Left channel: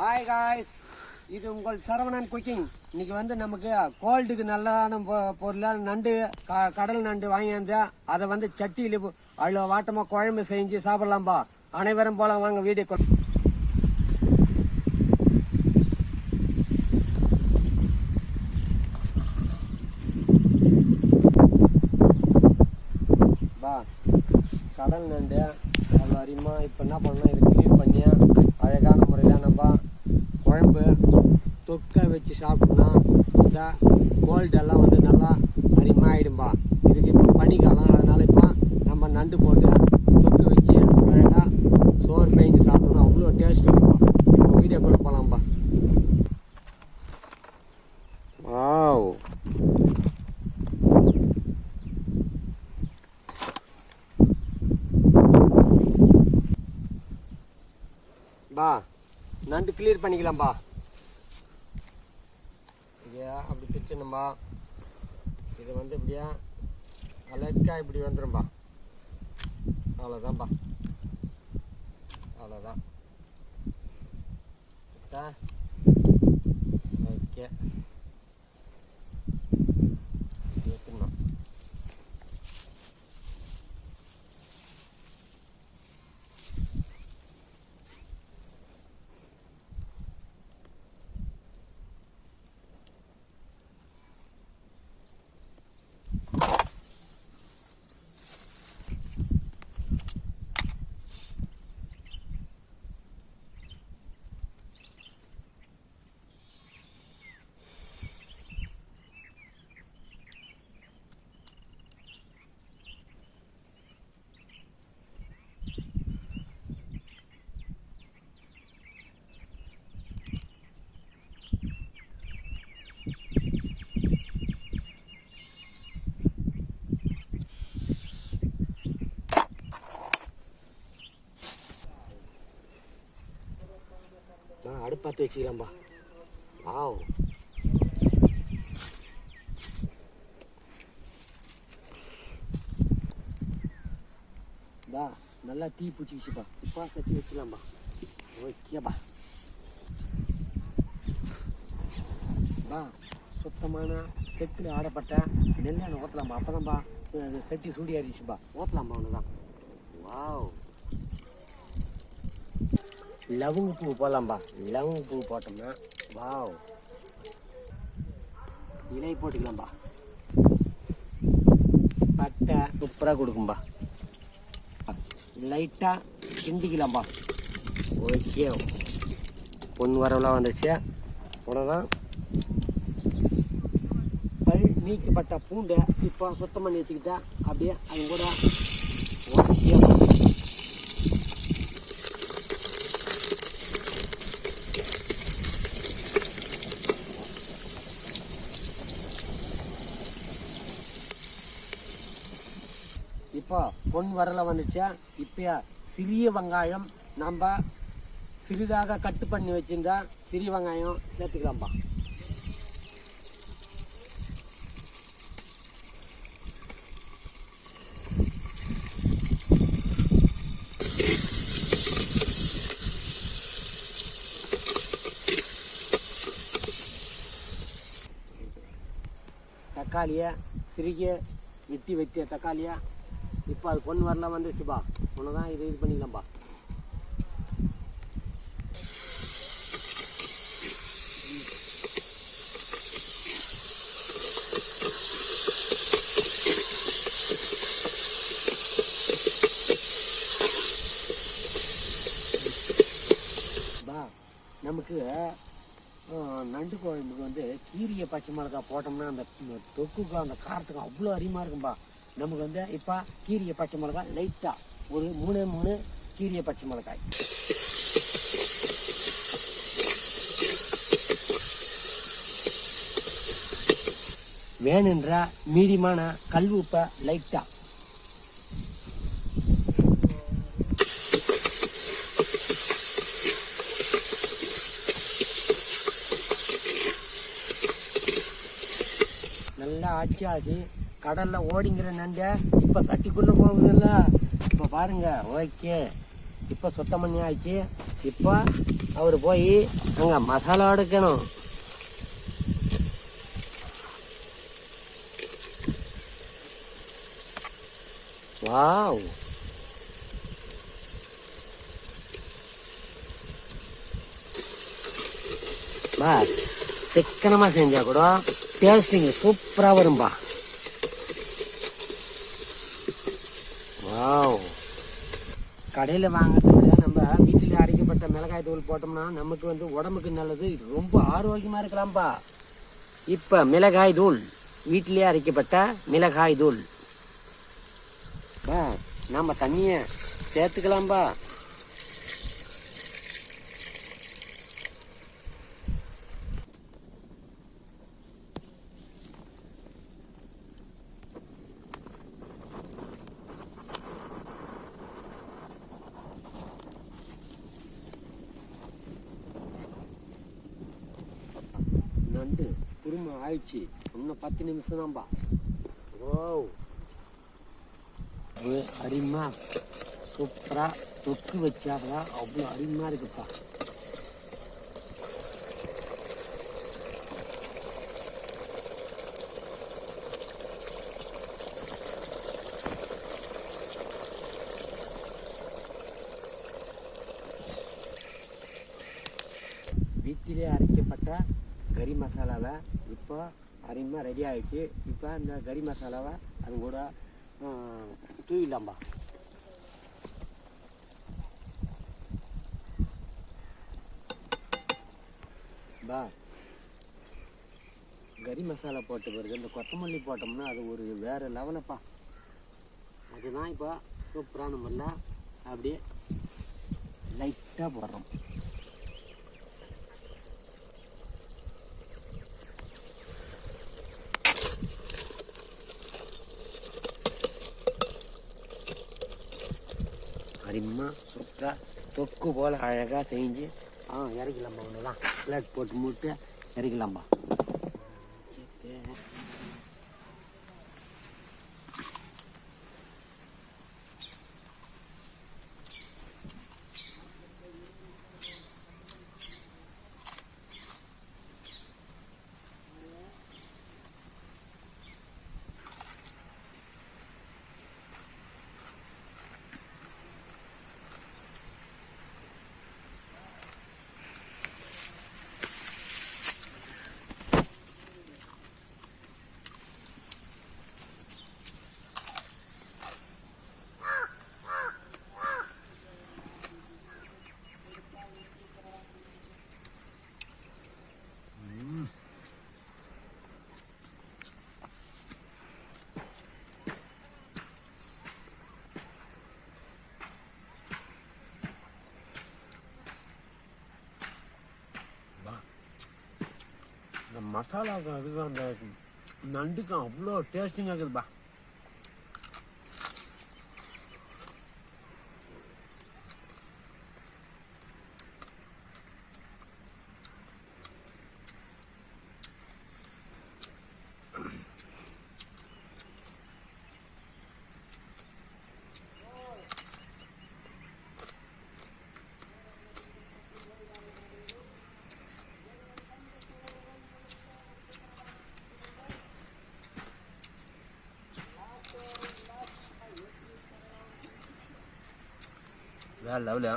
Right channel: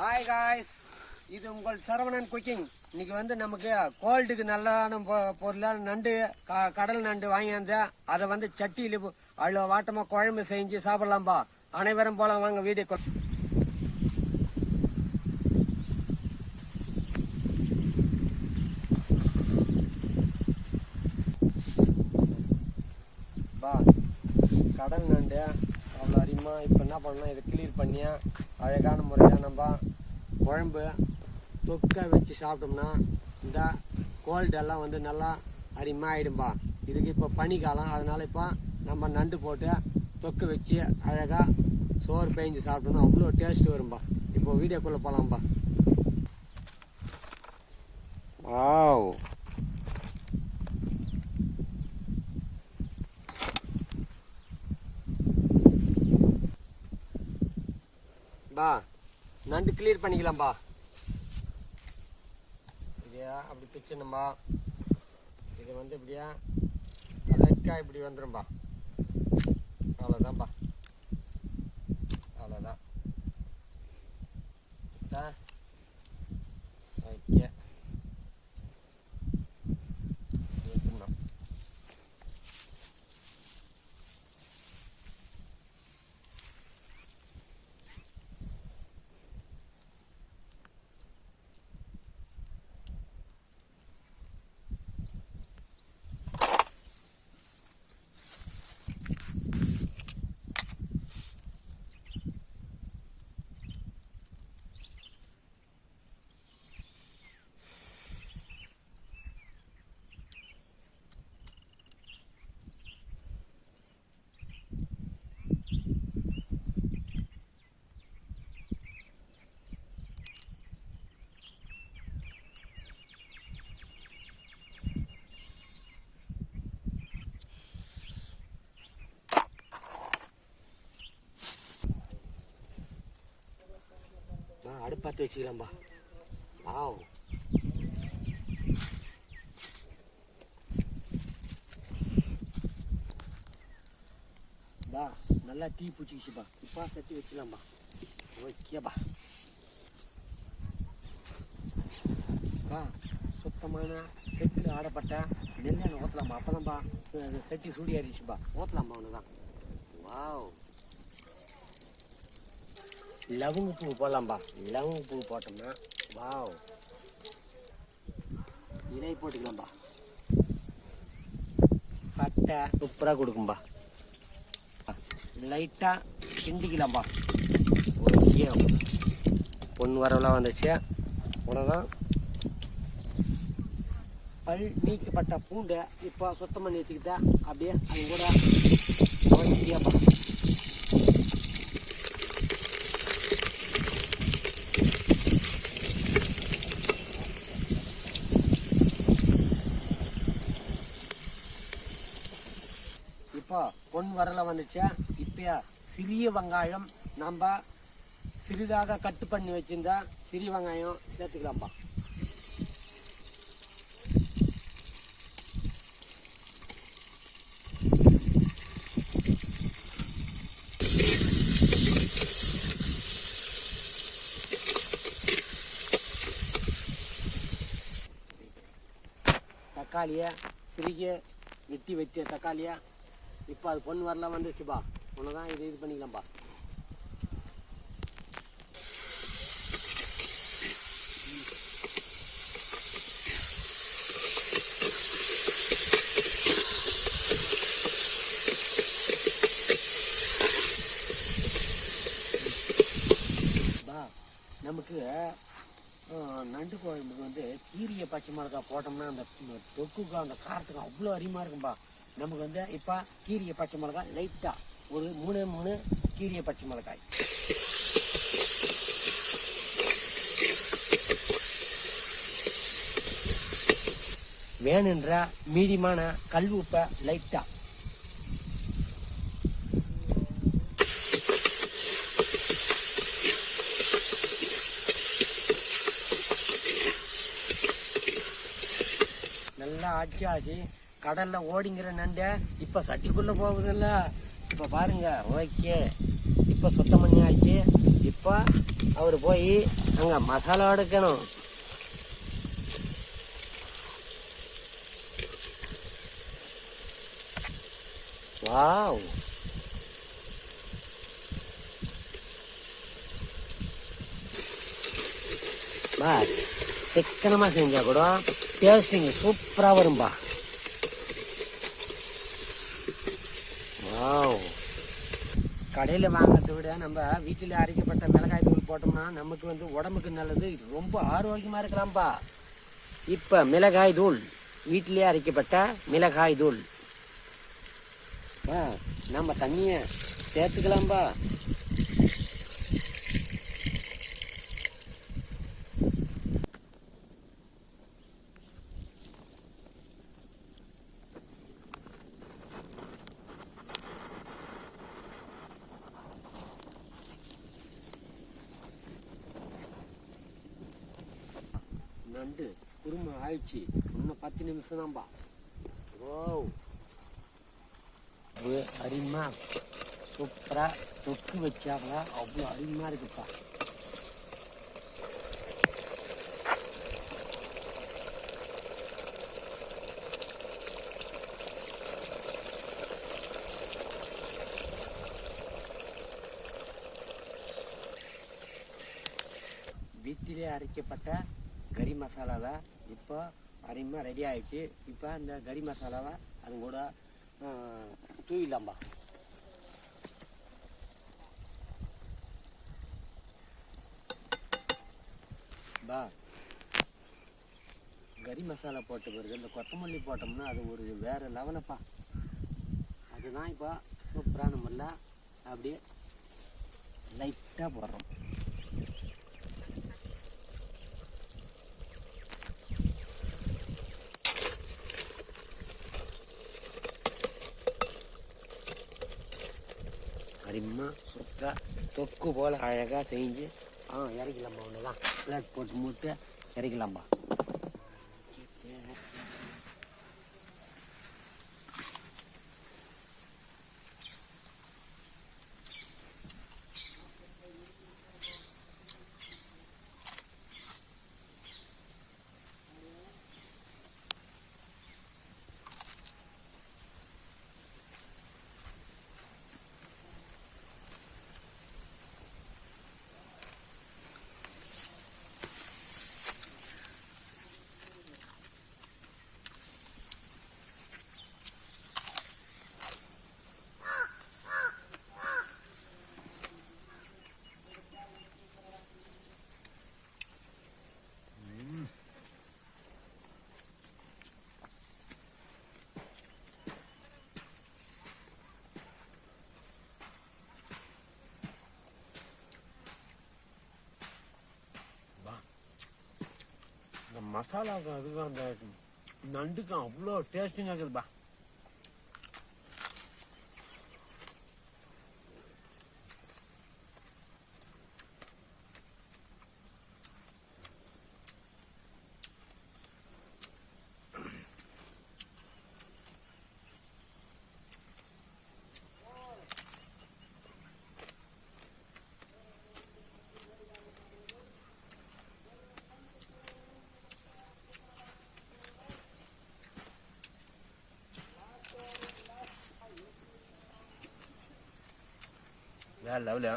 Hi guys, இது உங்கள் Saravanan cooking. இன்னைக்கு வந்து நமக்கு கோல்டுக்கு நல்லான பொருளாக நண்டு, கடல் நண்டு வாங்கியிருந்தேன். அதை வந்து சட்டியில் அவ்வளோ வாட்டமாக குழம்பு செஞ்சு சாப்பிடலாம்பா. அனைவரும் போலாம் வாங்க வீடியோ. பா கடல் நண்டு அவ்வளோ அதிகமாக இப்போ என்ன பண்ணணும், இதை கிளீன் பண்ணி அழகான முறையில் நம்ம குழம்பு தொக்கை வச்சு சாப்பிட்டோம்னா இந்த கோல்டெல்லாம் வந்து நல்லா அதிகமாக ஆகிடும்பா. இதுக்கு இப்போ பனிக்காலம், அதனால் இப்போ நம்ம நண்டு போட்டு தொக்கை வச்சு அழகாக சோறு பேஞ்சு சாப்பிட்டோம்னா அவ்வளோ டேஸ்ட் இருக்கும்பா. இப்போ வீடியோக்குள்ளே போகலாம்பா. வாவ், பா நண்டு கிளியர் பண்ணிக்கலாம்பா. இதே அப்படி பிச்சணும்பா. இது வந்து இப்படியா அழகா இப்படி வந்துடும்பா. அவ்வளோதான்பா, அவ்வளோதான். ஓகே, வச்சுருந்தோம். அடுப்பாத்தி வச்சுக்கலாம்பா. வாவ், பா நல்லா தீ பிடிச்சிக்கிச்சுப்பா. இப்போ சட்டி வச்சுக்கலாம்பா. ஓகேப்பா. பா சுத்தமான செட்டில் ஆடப்பட்ட நெல்லை ஊற்றலாம்பா. அப்போதான்பா சட்டி சூடி ஆறிடுச்சுப்பா. ஊற்றலாம்பா ஒன்று தான். வாவ், லவங்க பூ போடலாம்பா. லவங்க பூ போட்டோம்னா வாவ், இலை போட்டுக்கலாம்பா. பட்டை சூப்பராக கொடுக்கும்பா. லைட்டாக கிண்டிக்கலாம்பா. ஓகே, பொண்ணு வரவெல்லாம் வந்துடுச்சு. அவ்வளோதான். பல் நீக்கப்பட்ட பூண்டை இப்போ சுத்தம் பண்ணி வச்சுக்கிட்டா அப்படியே அது கூட இப்போ பொன் வரல வந்துச்சா. இப்போ சிறிய வெங்காயம் நம்ம சிறிதாக கட்டு பண்ணி வச்சிருந்தா சிறிய வெங்காயம் சேர்த்துக்கலாம்பா. தக்காளியை சிறிய வெட்டி வச்ச தக்காளியை இப்போ அது பொண்ணு வரலாம் வந்துருச்சுப்பா. ஒன்று தான் இது பண்ணிக்கலாம்பா. பா நமக்கு நண்டு குழம்புக்கு வந்து கீரிய பச்சை மிளகாய் போட்டோம்னா அந்த தொக்குக்கு அந்த காரத்துக்கு அவ்வளோ அதிகமாக இருக்கும்பா. நமக்கு வந்து இப்போ கீரிய பச்சை மிளகாய் லைட்டாக ஒரு 3 கீரிய பச்சை மிளகாய். வேணுன்ற மீடியமான கல் உப்பை லைட்டாக. நல்லா ஆச்சி கடலில் ஓடிங்கிற நண்டை இப்போ சட்டிக்குள்ளே போகுதில்ல. இப்போ பாருங்க. ஓகே, இப்போ சுத்தம் பண்ணி ஆச்சு. இப்போ அவர் போய் அங்கே மசாலா எடுக்கணும். வாவ், பா சிக்கனமாக செஞ்சால் கூட டேஸ்டிங் சூப்பராக வரும்பா. வாவ், கடையில் வாங்கிறத விட நம்ம வீட்டில் அரைக்கப்பட்ட மிளகாய் தூள் போட்டோம்னா நமக்கு வந்து உடம்புக்கு நல்லது, ரொம்ப ஆரோக்கியமாக இருக்கலாம்ப்பா. இப்போ மிளகாய் தூள், வீட்டிலே அரைக்கப்பட்ட மிளகாய் தூள் நம்ம தண்ணியை சேர்த்துக்கலாம்பா. நண்டு குருமா ஆயிடுச்சு, இன்னும் 10 நிமிஷம் தான்ப்பா. ஓ, அது அருமையா சூப்பராக தொக்கு வச்சாதான் அவ்வளோ அருமையாக இருக்குப்பா. வீட்டிலே அரைக்கப்பட்ட கறி மசாலாவை இப்போ அருமையாக ரெடி ஆகிடுச்சு. இப்போ இந்த கறி மசாலாவை அது கூட தூவிடலாம்பா. கறி மசாலா போட்ட பிறகு இந்த கொத்தமல்லி போட்டோம்னா அது ஒரு வேறு லெவலப்பா. அதுதான் இப்போ சூப்பரான முறையில் அப்படியே லைட்டாக போடுறோம். அருமா சூப்பராக தொக்கு போல் அழகாக செஞ்சு இறக்கலாம்பா. ஒன்றுலாம் பிளேட் போட்டு மூட்டு இறக்கலாம்பா. இந்த மசாலாவுக்கும் அதுக்கும் அந்த நண்டுக்கும் அவ்வளோ டேஸ்டிங்காக இருக்குதுப்பா. வேறு லெவலு.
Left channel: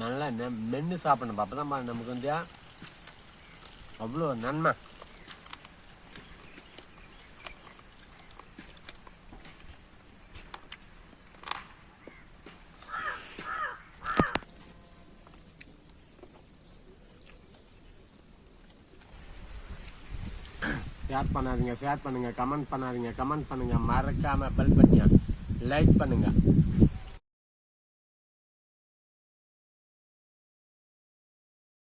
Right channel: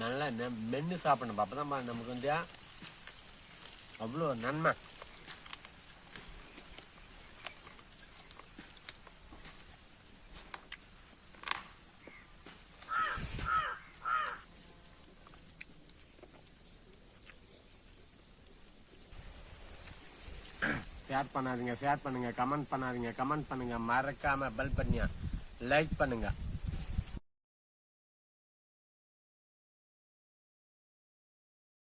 நல்லா மென்று சாப்பிடணும். அப்போ தான் நமக்கு வந்து அவ்வளோ நன்மை. ஷேர் பண்ணாதீங்க, ஷேர் பண்ணுங்கள், கமெண்ட் பண்ணாதீங்க, கமெண்ட் பண்ணுங்கள், மறக்காமல் பெல் பட்டனை லைக் பண்ணுங்கள்.